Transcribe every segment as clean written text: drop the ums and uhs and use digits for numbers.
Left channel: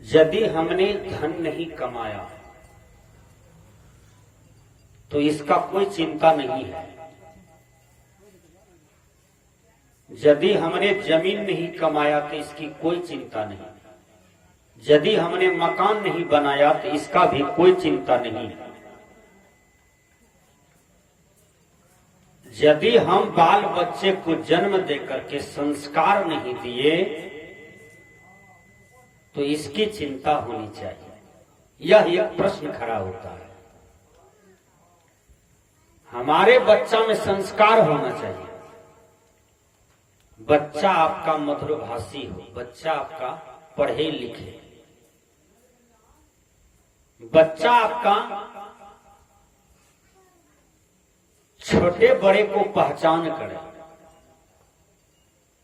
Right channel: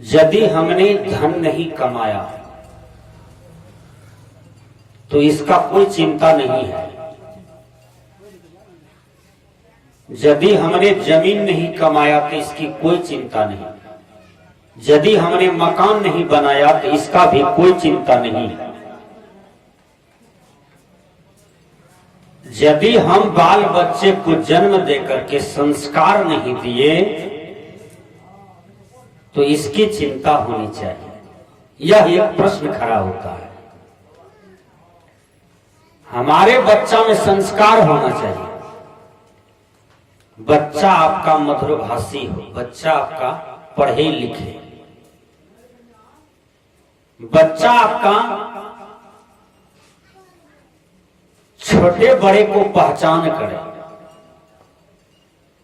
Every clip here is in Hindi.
यदि हमने धन नहीं कमाया तो इसका कोई चिंता नहीं है। यदि हमने जमीन नहीं कमाया तो इसकी कोई चिंता नहीं। यदि हमने मकान नहीं बनाया तो इसका भी कोई चिंता नहीं है। यदि हम बाल बच्चे को जन्म देकर के संस्कार नहीं दिए तो इसकी चिंता होनी चाहिए। यह एक प्रश्न खड़ा होता है। हमारे बच्चा में संस्कार होना चाहिए। बच्चा आपका मधुरभाषी हो, बच्चा आपका पढ़े लिखे, बच्चा आपका छोटे बड़े को पहचान करे।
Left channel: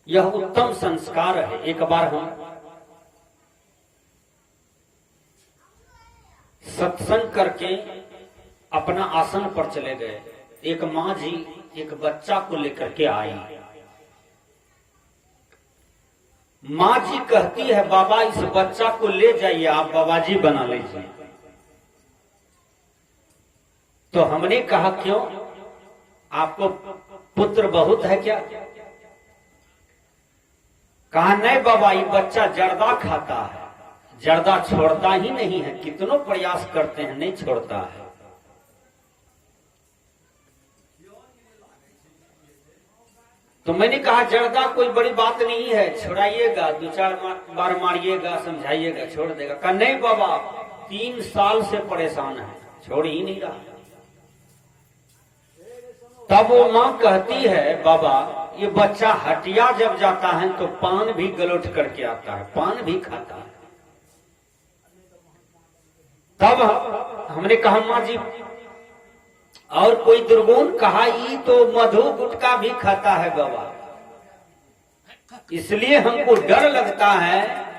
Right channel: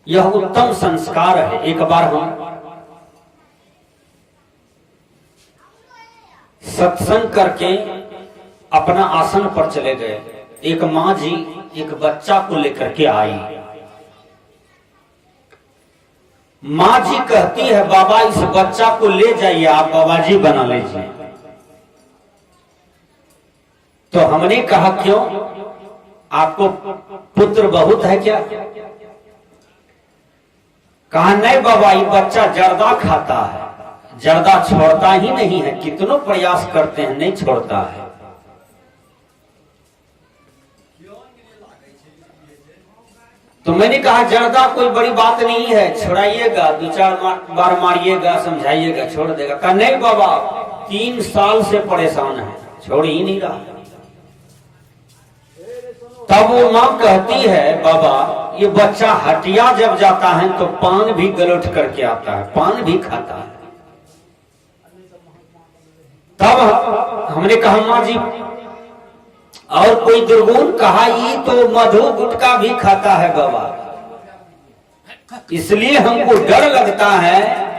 यह उत्तम संस्कार है। एक बार हम सत्संग करके अपना आसन पर चले गए। एक माँ जी एक बच्चा को लेकर के आई। माँ जी कहती है, बाबा इस बच्चा को ले जाइए, आप बाबा जी बना लीजिए। तो हमने कहा क्यों, आपको पुत्र बहुत है क्या? कहा नहीं बाबा, ये बच्चा जर्दा खाता है, जर्दा छोड़ता ही नहीं है, कितनों प्रयास करते हैं नहीं छोड़ता है। तो मैंने कहा जर्दा कोई बड़ी बात नहीं है, छुड़ाइएगा, 2-4 बार मारिएगा, समझाइएगा, छोड़ देगा। कहा नहीं बाबा, 3 साल से परेशान है, छोड़ ही नहीं रहा। तब वो माँ कहती है, बाबा ये बच्चा हटिया जब जाता है तो पान भी गलोट करके आता है, पान भी खाता है। तब हमने कहा माँ जी और कोई दुर्गुण? कहा ये तो मधु गुटखा भी खाता है बाबा, इसलिए हमको डर लगता है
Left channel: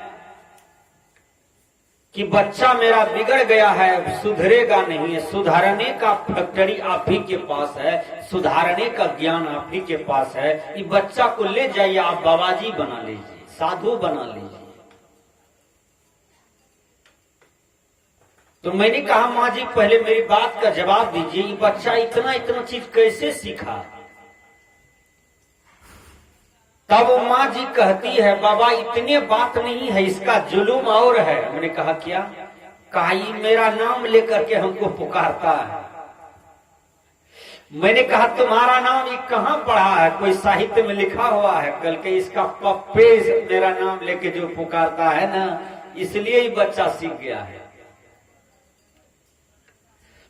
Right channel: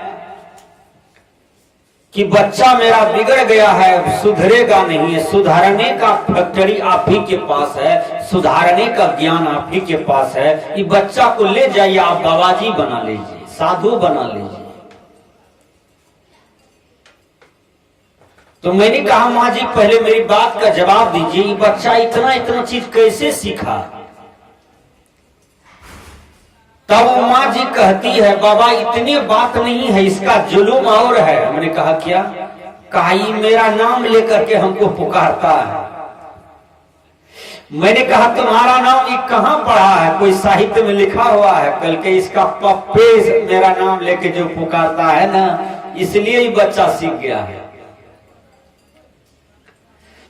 कि बच्चा मेरा बिगड़ गया है, सुधरेगा नहीं है। सुधारने का फैक्ट्री आप ही के पास है, सुधारने का ज्ञान आप ही के पास है। ये बच्चा को ले जाइए, आप बाबा जी बना लीजिए, साधु बना लीजिए। तो मैंने कहा माँ जी पहले मेरी बात का जवाब दीजिए, ये बच्चा इतना चीज कैसे सीखा? तब माँ जी कहती है, बाबा इतनी बात नहीं है, इसका जुलूम और है। हमने कहा क्या? कहा ये मेरा नाम लेकर के हमको पुकारता है। मैंने कहा तुम्हारा नाम ये कहाँ पढ़ा है? कोई साहित्य में लिखा हुआ है? कल के इसका पप्पे मेरा नाम लेके जो पुकारता है ना, इसलिए ये बच्चा सीख गया है।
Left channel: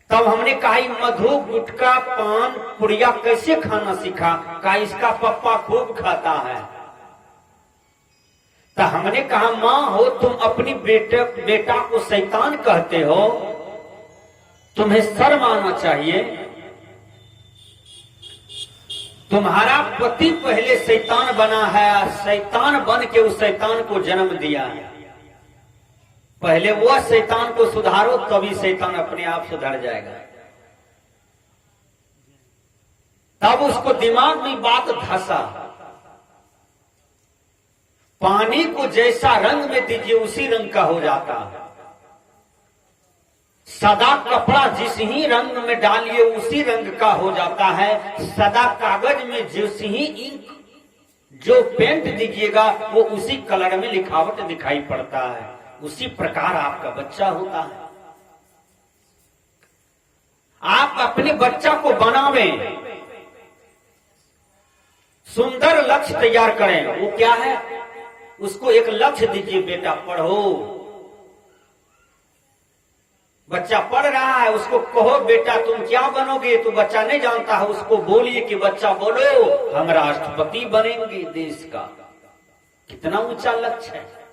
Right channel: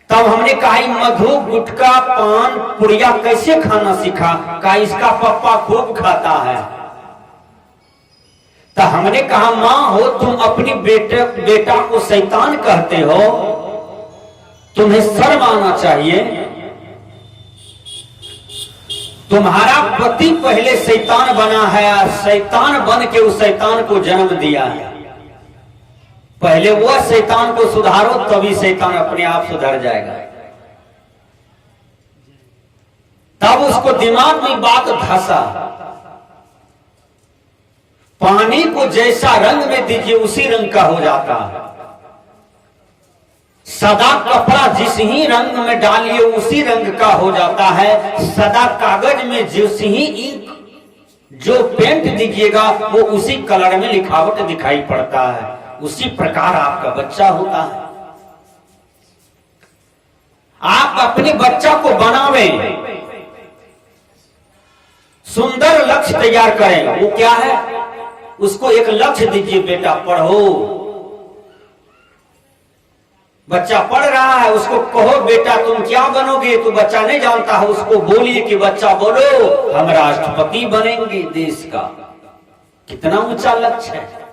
तब हमने कहा मधु गुटखा पान पुड़िया कैसे खाना सीखा? कहा इसका पप्पा खूब खाता है। तो हमने कहा माँ हो तुम अपनी बेटा को शैतान कहते हो, तुम्हें शर्म आना चाहिए। तुम्हारा पति पहले शैतान बना है, शैतान बन के उस शैतान को जन्म दिया है। पहले वह शैतान को सुधारो, तभी शैतान अपने आप सुधर जाएगा। तब उसको दिमाग में बात धंसा। पानी को जैसा रंग में दीजिए उसी रंग का हो जाता है। सदा कपड़ा जिस ही रंग में डालिए उसी रंग का हो जाता है। सदा कागज में जिस ही इंक जो पेंट दीजिएगा वो उसी कलर में लिखावट दिखाई पड़ता है। उसी प्रकार आपका बच्चा होता है। आप अपने बच्चा को बनावें, सुंदर लक्ष्य तैयार करें। वो क्या है? उसको एक लक्ष्य दीजिए, बेटा पढ़ो। बच्चा पढ़ रहा है, उसको कहो बेटा तुम क्या बनोगे? तो बच्चा नहीं जानता है, उसको बोलिए कि बच्चा बोलो हम राष्ट्रपति बनेंगे देश का। कितना ऊंचा लक्ष्य है।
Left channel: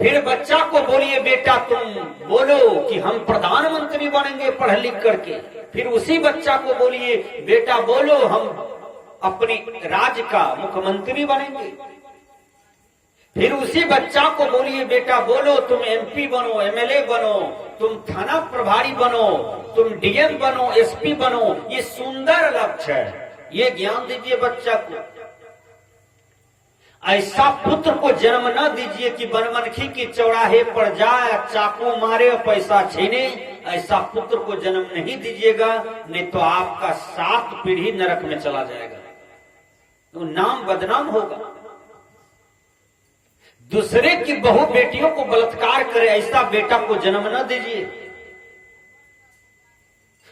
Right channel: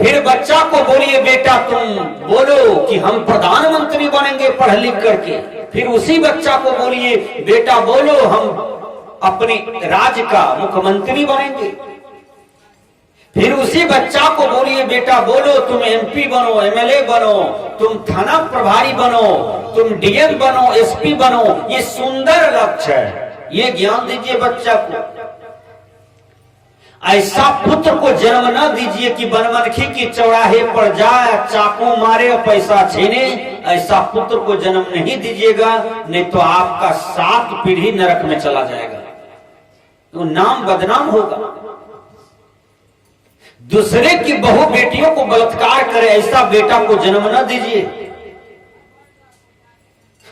फिर बच्चा को बोलिए बेटा तुम बोलो कि हम प्रधानमंत्री बनेंगे पढ़ लिख करके। फिर उसी बच्चा को बोलिए बेटा बोलो हम अपने राज्य का मुख्यमंत्री बनेंगे। फिर उसी बच्चा को बोलिए बेटा बोलो तुम एमपी बनो, एमएलए बनो, तुम थाना प्रभारी बनो, तुम डीएम बनो, एसपी बनो। ये सुंदर लक्ष्य है, ये ज्ञान दीजिए बच्चा को। ऐसा पुत्र को जन्म न दीजिए कि बनमनखी की चौराहे पर जाए, चाकू मारे और पैसा छीने। ऐसा पुत्र को जन्म नहीं दीजिएगा, नहीं तो आपका 7 पीढ़ी नरक में चला जाएगा, तो नाम बदनाम होगा। दूसरे की बहू बेटियों को बलात्कार करे, ऐसा बेटा को जन्म न दीजिए।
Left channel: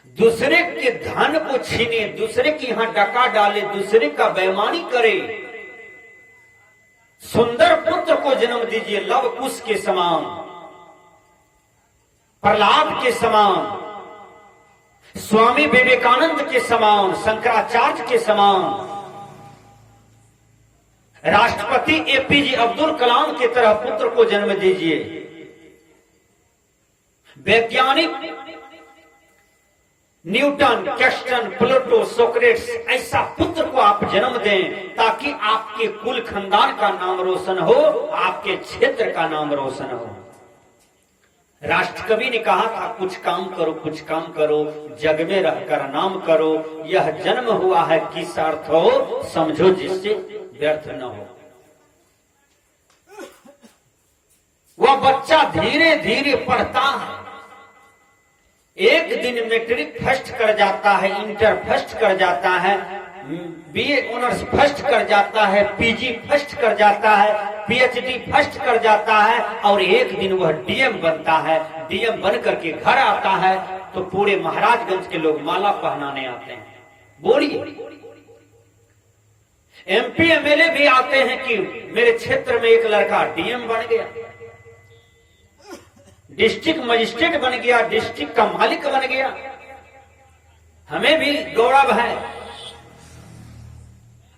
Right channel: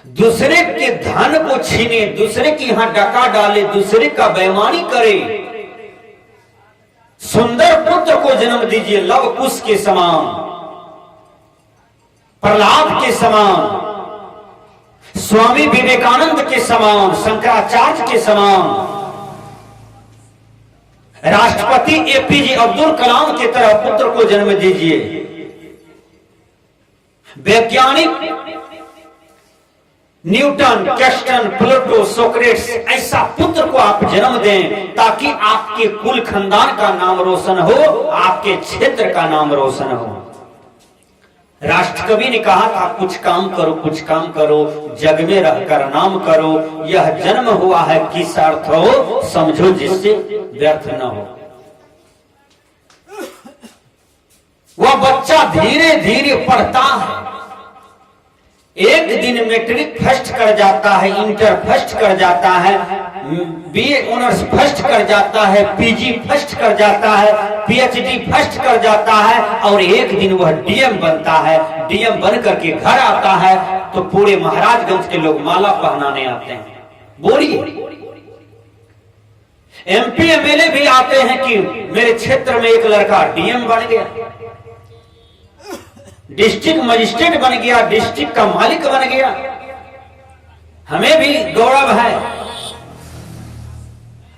दूसरे के धन को छीने, दूसरे के यहां डका डाले, दूसरे का बेईमानी करे। सुंदर पुत्र को जन्म दीजिए, लव कुश के समान, प्रहलाद के समान, स्वामी विवेकानंद के समान, शंकराचार्य के समान, राष्ट्रपति एपीजे अब्दुल कलाम की तरह पुत्र को जन्म दीजिए। वैज्ञानिक न्यूटन, कैस्टन, प्लूटो, सोक्रेट्स, ऐसा पुत्र को आप जन्म दें ताकि आपके कुल खानदान का नाम रोशन हो, आपके क्षेत्र का नाम रोशन हो। राष्ट्रकवि ने कहा था, कुछ काम करो, कुछ काम करो, जग में रहकर नाम करो। यह जन्म हुआ है किस अर्थ हो, समझो जिससे व्यर्थ न हो। वह बच्चा धीरे धीरे पढ़ता है, एक दिन मैट्रिक फर्स्ट कर जाता है, इंटर फर्स्ट कर जाता है, बीए ऑनर्स फर्स्ट कर जाता है, पीजी फर्स्ट कर जाता है, पीएचडी फर्स्ट कर जाता है, और एक दिन वह डीएम बनता है। डीएम बन करके घर आता है तो पूरे महाराजगंज के लोग माला पहनाने आते हैं। बोलिए, एमपी एमएलए भी आते हैं कि मेरे क्षेत्र में एक लड़का डीएम बन गया, डिस्ट्रिक्ट मजिस्ट्रेट बन गया, डिस्ट्रिक्ट का मालिक बन गया। हमें भी गौरव है।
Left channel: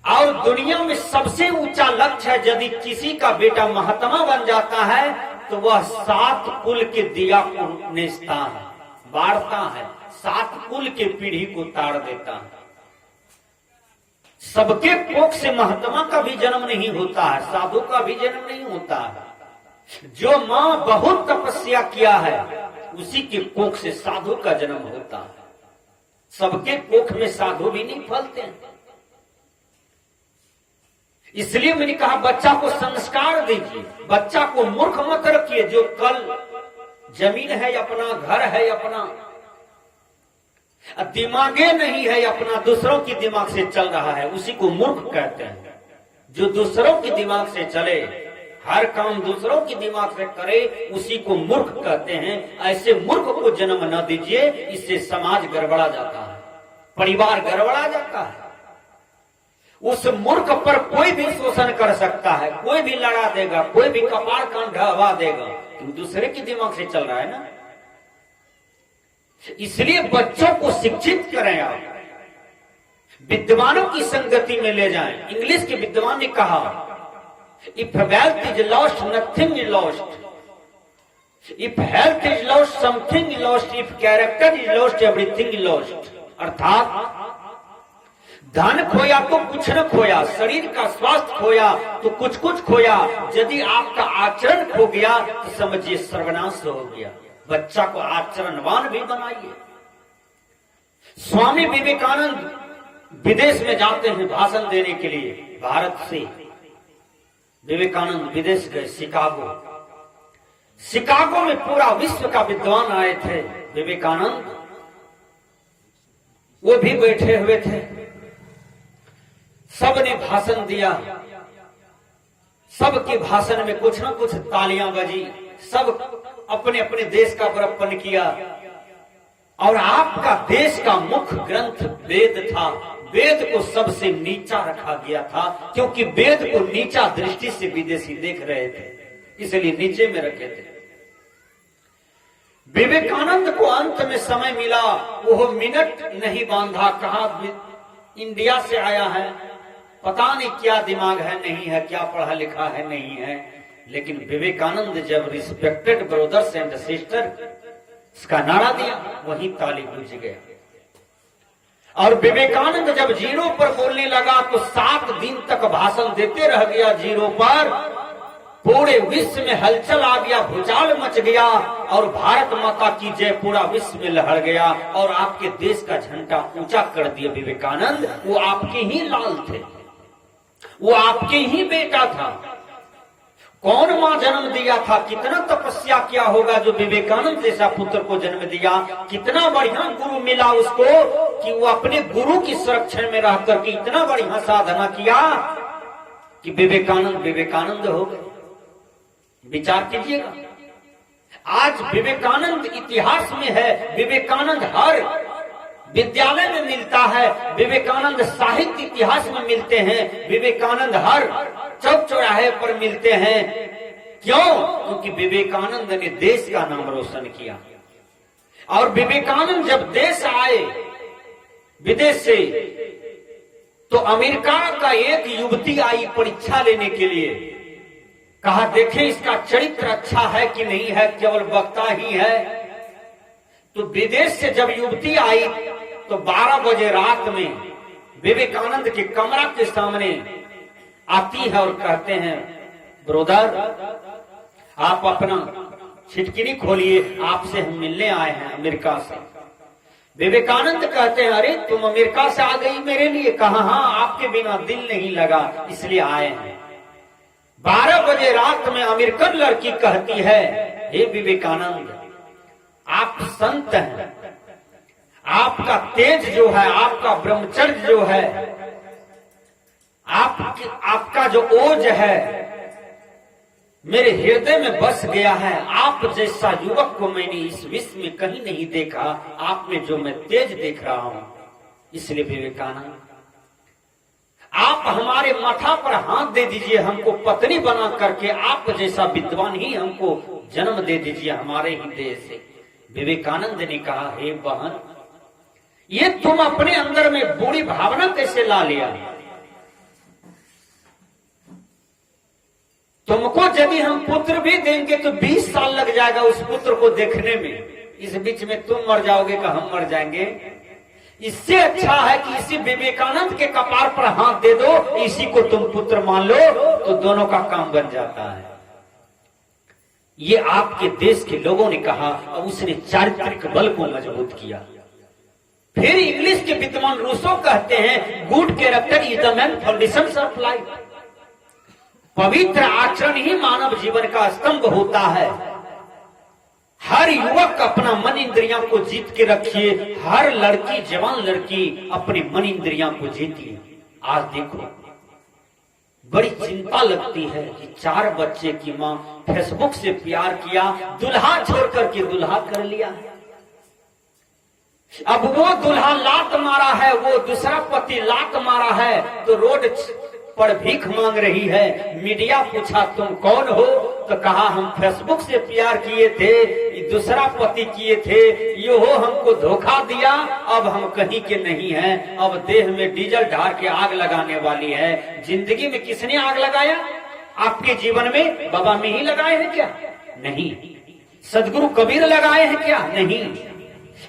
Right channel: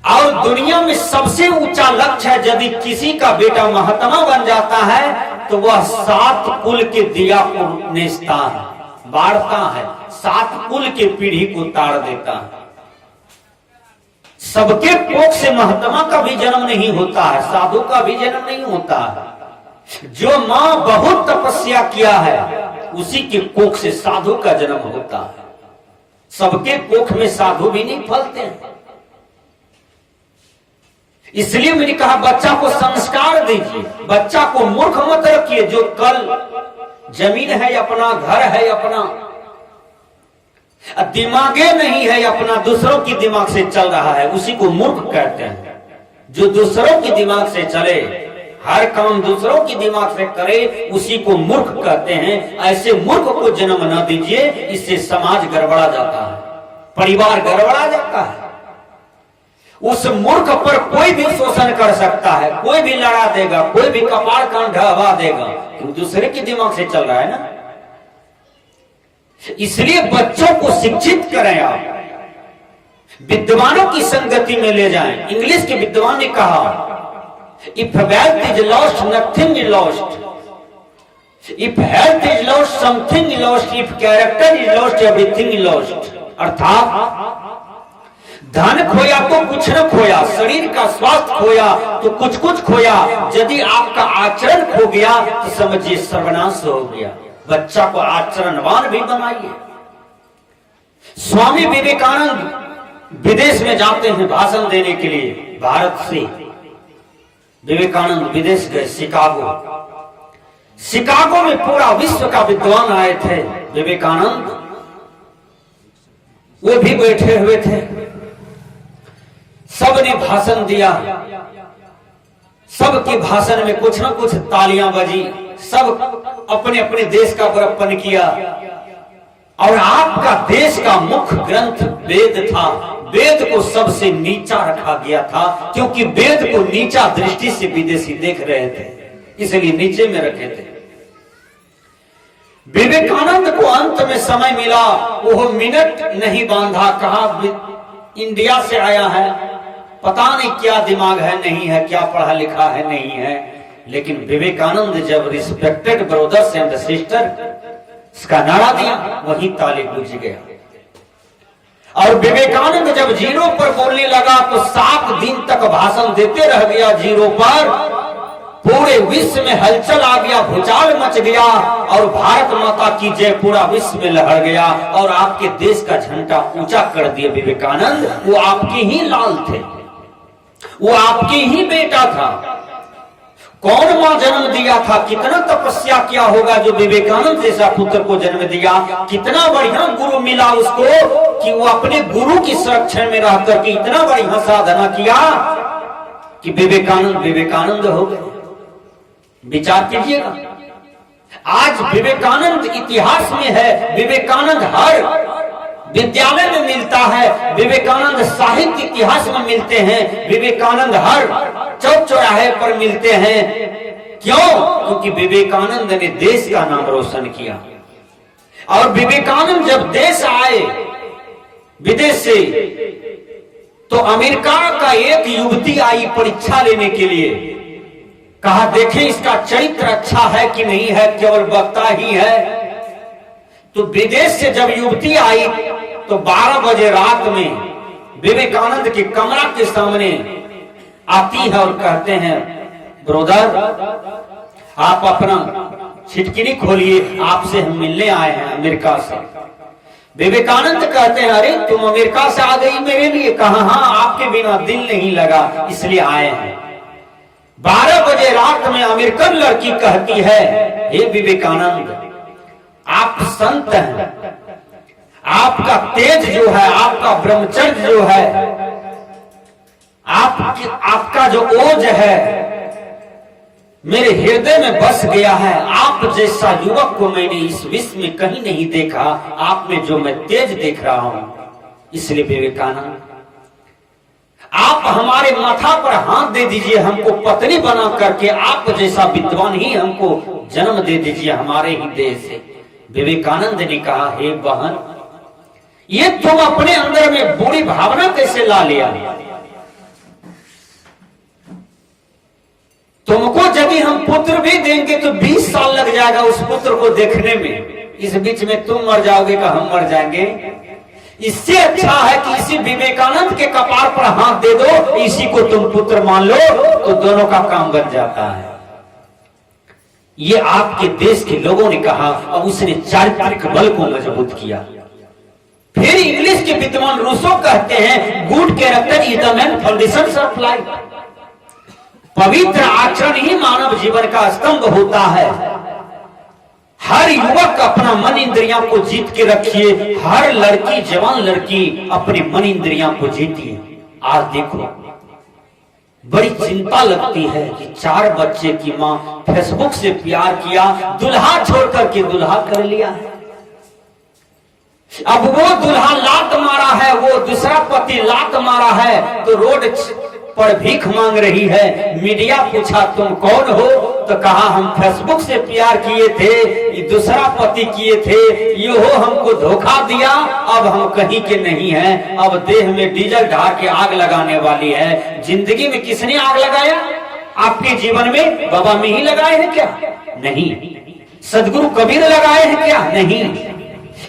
और दुनिया में सबसे ऊंचा लक्ष्य है, यदि किसी का बेटा महात्मा बन जाता है तो वह 7 कुल के दिया को नेचता है, बाढ़ता है, 7 कुल के पीढ़ी को ताड़ देता है। सबके कोख से महात्मा का भी जन्म नहीं होता है, साधु का भी जन्म नहीं होता है। जो मां बहुत तपस्या किया है उसी के कोख से साधु का जन्म होता है। सबके कोख में साधु भी नहीं फलते हैं। इसलिए मैंने कहा बच्चा को संस्कार दीजिए, बच्चा को मूर्ख मत रखिए। जो कल जमीन है अपना, घर है अपना, दिमागे नहीं है अपना, दूसरों की दिमाग से चल रहा है, उसी को मूर्ख कहते हैं। जो दूसरों की दिमाग से चले, हर काम दूसरों की दिमाग से करे, उसी को मूर्ख कहते हैं। ऐसे मूर्ख को जन्म न दीजिए, इससे समाज गड़बड़ा जाता है, परिवार गड़बड़ा जाता है। उस मूर्ख पर कोई भी शोषण कर सकता है, कोई भी लड़ा देगा, कोई भी कपाड़ कान ढहवा देगा, क्योंकि दूसरे के दिमाग से चल रहा है ना। इसलिए बच्चों को शिक्षित करें, आप विद्वानों की संगति में ले जाएं। इंग्लिश के विद्वान ने कहा, if wealth is lost, nothing is lost. If health is lost, something is lost. If character is lost, everything is lost. अर्थात धन खोया तो कुछ न खोया, शरीर का स्वास्थ्य खोया तो कुछ कुछ खोया, यदि आपका आचरण खो गया तो समझिए सर्वनाश हो गया। बच्चा को आचरणवान भी बनाइए। स्वामी विवेकानंद विदेश में जाते हैं भाषण देने के लिए। भारत से विवेकानंद विदेश गए, शिकागो। शिकागो में पूरा विश्व का विद्वान आए थे। विवेकानंद वो भी बैठे हुए थे। सबने भाषण दिया, सबके भाषण में कुछ ना कुछ तालियां बजी, सब अपने अपने देश का बड़प्पन किया। और आपका देश का मुख्य ग्रंथ वेद था। वेद को सबसे नीचा रखा गया था, क्योंकि वेद को नीचा दृष्टि से विदेशी देख रहे थे, इसलिए नीचे में रखे थे। विवेकानंद को अंत में समय मिला, वो मिनट नहीं बांधा, कहा इंडिया से आया है, पता नहीं क्या दिमाग है, नहीं है, क्या पढ़ा लिखा है, नहीं है। लेकिन विवेकानंद जब रिस्पेक्टेड ब्रदर्स एंड सिस्टर इसका नारा दिया, वही ताली गूंज गया। और विवेकानंद जब जीरो पर बोलने लगा तो 7 दिन तक भाषण देते रह गया जीरो पर। पूरे विश्व में हलचल आ गया, भूचाल मच गया, और भारत माता की जय पूरा विश्व में लहर गया। और आपके देश का झंडा ऊंचा कर दिया विवेकानंद, वो आपके ही लाल थे। वो आपके ही बेटा था। कौन मां जन्म दिया था? कितना तपस्या किया होगा जो विवेकानंद जैसा पुत्र को जन्म दिया। कितना बढ़िया गुरु मिला उसको कि वो अपने गुरु की संरक्षण में रह करके इतना बढ़िया साधना किया कि विवेकानंद हो गए। विचार कीजिएगा, आज विवेकानंद इतिहास में है, विवेकानंद हर विद्यालय में मिलता है, विवेकानंद साहित्य इतिहास में मिलते हैं, विवेकानंद हर चौक चौराहे पर मिलते हैं। क्यों? क्योंकि विवेकानंद ने देश का नाम रोशन किया। और विवेकानंद जब देश आए विदेश से, तो अमेरिका का एक युवती आई परीक्षा लेने के लिए। कहा देखें इसका चरित्र अच्छा है कि नहीं है, केवल वक्ता ही है। तो विदेश से जब युवती आई तो 12 बजे रात में विवेकानंद के कमरा के सामने आती है और कहते हैं, ब्रोदर आप अपना छिटकिनी खोलिए, आपसे हम मिलने आए हैं अमेरिका से। विवेकानंद कहते हैं, अरे तुम अमेरिका से आ गई मेरे लिए? कहा हाँ, आपके बिना दिल नहीं लगा इसलिए आए हैं। 12 बजे रात में अमेरिकन लड़की कहती है, हे विवेकानंद आप संत हैं, आपका तेज जो है, आपका ब्रह्मचर्य जो है, आपका जो ओज है मेरे हृदय में बस गया है। आप जैसा युवक को मैंने इस विश्व में कहीं नहीं देखा, आप में जो मैं तेज देख रहा हूं। इसलिए विवेकानंद आप हमारे माथा पर हाथ दे दीजिए, हमको पत्नी बना करके आप जैसा विद्वान ही हमको जन्म दे दीजिए हमारे ही देश से। विवेकानंद ने कहा, हे बहन ये तुम अपने अंदर में बुरी भावना कैसे ला लिया? तुमको यदि हम पुत्र भी देंगे तो 20 साल लग जाएगा उस पुत्र को देखने में। इस बीच में तुम मर जाओगे का हम मर जाएंगे। इससे अच्छा है कि इसी विवेकानंद के कपार पर हाथ दे दो, इसी को तुम पुत्र मान लो, तो दोनों का काम बन जाता है। ये आपके देश के लोगों ने कहा और उसने चारित्रिक बल को मजबूत किया। फिर इंग्लिश के विद्वान रूसो कहते हैं, good character is the main foundation of life. पवित्र आचरण ही मानव जीवन का स्तंभ होता है। हर युवक अपना मन इंद्रियां को जीत के रखिए, हर लड़की जवान लड़की अपने मन इंद्रियां को जीतिए। आज देखो बड़ी चिंता लगती है कि 4 बच्चे की मां फेसबुक से प्यार किया, दुल्हा छोड़ करके दुल्हा कर लिया है। अब वो दुल्हा लात मारा है, वो दूसरा पति लात मारा है, तो रोड पर भीख मांग रही है। मीडिया पूछा तुम कौन हो? तो कहा हम फेसबुक से प्यार किए थे, ये दूसरा पति किए थे, ये हो हमको धोखा दिया, अब हम कहीं के नहीं हैं, अब देह में डीजल ढार के आग लगाने वाली है। जिंदगी में किसने आग लगाया? आपके जीवन में बाबा में ही लगाए हैं क्या? नहीं। सदगुरु कबीर लगाए हैं क्या? नहीं।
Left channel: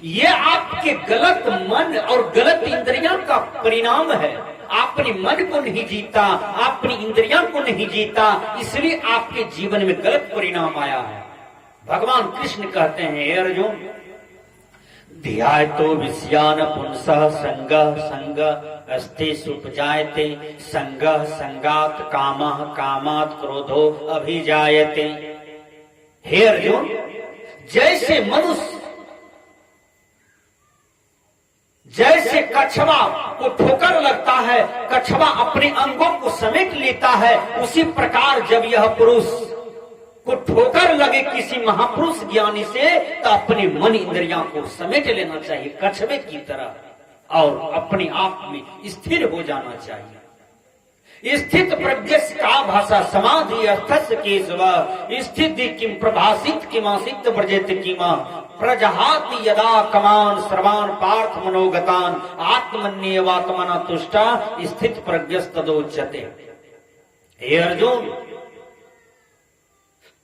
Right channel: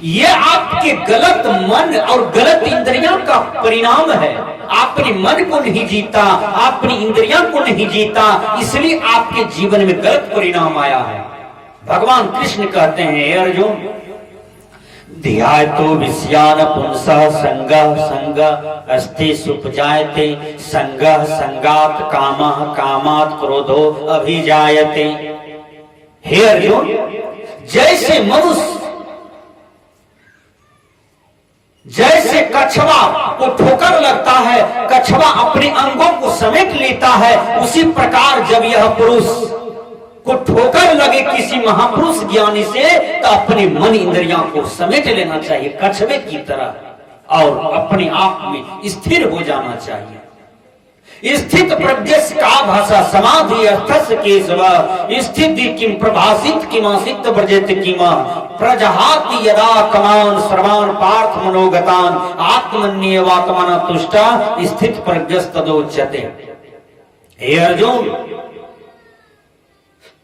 ये आपके गलत मन और गलत इंद्रियों का परिणाम है। आपने मन को नहीं जीता, अपनी इंद्रियों को नहीं जीता, इसलिए आपके जीवन में गलत परिणाम आया है। भगवान कृष्ण कहते हैं, अर्जुन ध्यायतो विषयान पुंसः संगः संग अस्ति सुपजायते संगः संगात कामः कामात् क्रोधो अभिजायते। हे अर्जुन, जैसे मनुष्य जैसे कछुआ को ठोकर लगता है, कछुआ अपने अंगों को समेट लेता है, उसी प्रकार जब यह पुरुष को ठोकर लगे किसी महापुरुष ज्ञानी से, तो अपने मन इंद्रियों को समेट लेना चाहिए कछुए की तरह और अपने आप में स्थिर हो जाना चाहिए। स्थित प्रज्ञस्य का भाषा समाधि अर्थस्य केशव स्थिति किम प्रभासित किमासित व्रजेत किमा प्रजहाति यदा कमान सर्वान पार्थ मनोगतान आत्मन्येवात्मना तुष्टा स्थित प्रज्ञस्तदोच्यते। हे अर्जुन,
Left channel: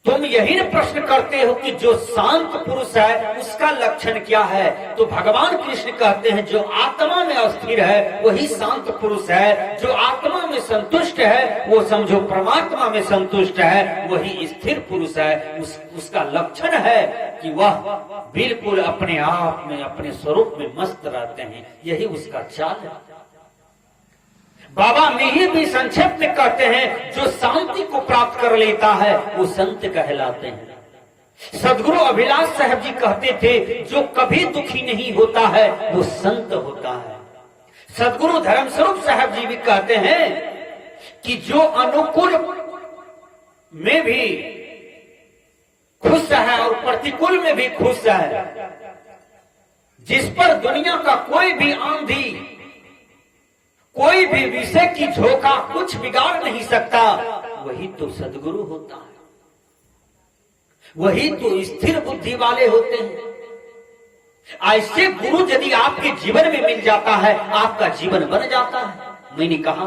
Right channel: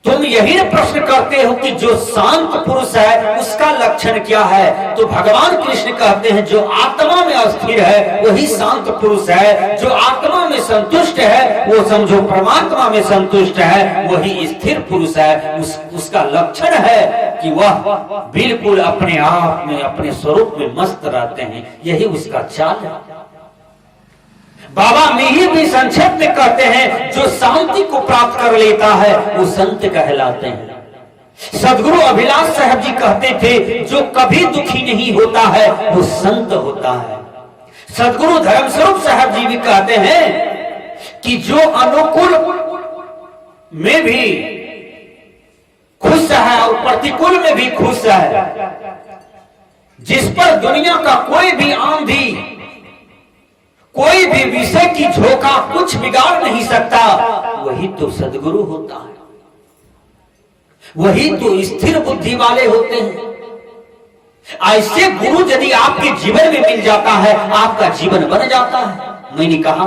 तुम यही प्रश्न करते हो कि जो शांत पुरुष है उसका लक्षण क्या है? तो भगवान कृष्ण कहते हैं, जो आत्मा में अस्थिर है वही शांत पुरुष है, जो आत्मा में संतुष्ट है वो समझो परमात्मा में संतुष्ट है, वही स्थिर पुरुष है। उसका लक्षण है कि वह बिल्कुल अपने आप में अपने स्वरूप में मस्त रहते हैं, यही उसका चाल है। बाबा मिहिर भी संक्षेप में कहते हैं, जो शांति को प्राप्त कर लेता है वो संत कहलाते हैं। सदगुरु अभिलाष साहब जी कहते थे, जो कभी दुखी नहीं होता है वो संत होता है। सदगुरु धर्मस्वरूप साहब जी भी कहते हैं कि जो अनुकूल में भी खुश है और प्रतिकूल में भी खुश है, जिस पर दुनिया का कोई भी आंधी, कोई भी विषय की झोंका कुछ बिगाड़ नहीं सकता, वही तो सदगुरु होता है, वही तो स्थिर बुद्धि वाले होते हैं। ऐसे गुरु यदि आपके जीवन में मिल जाता है, आपका जीवन बन जाता है। मैंने कहा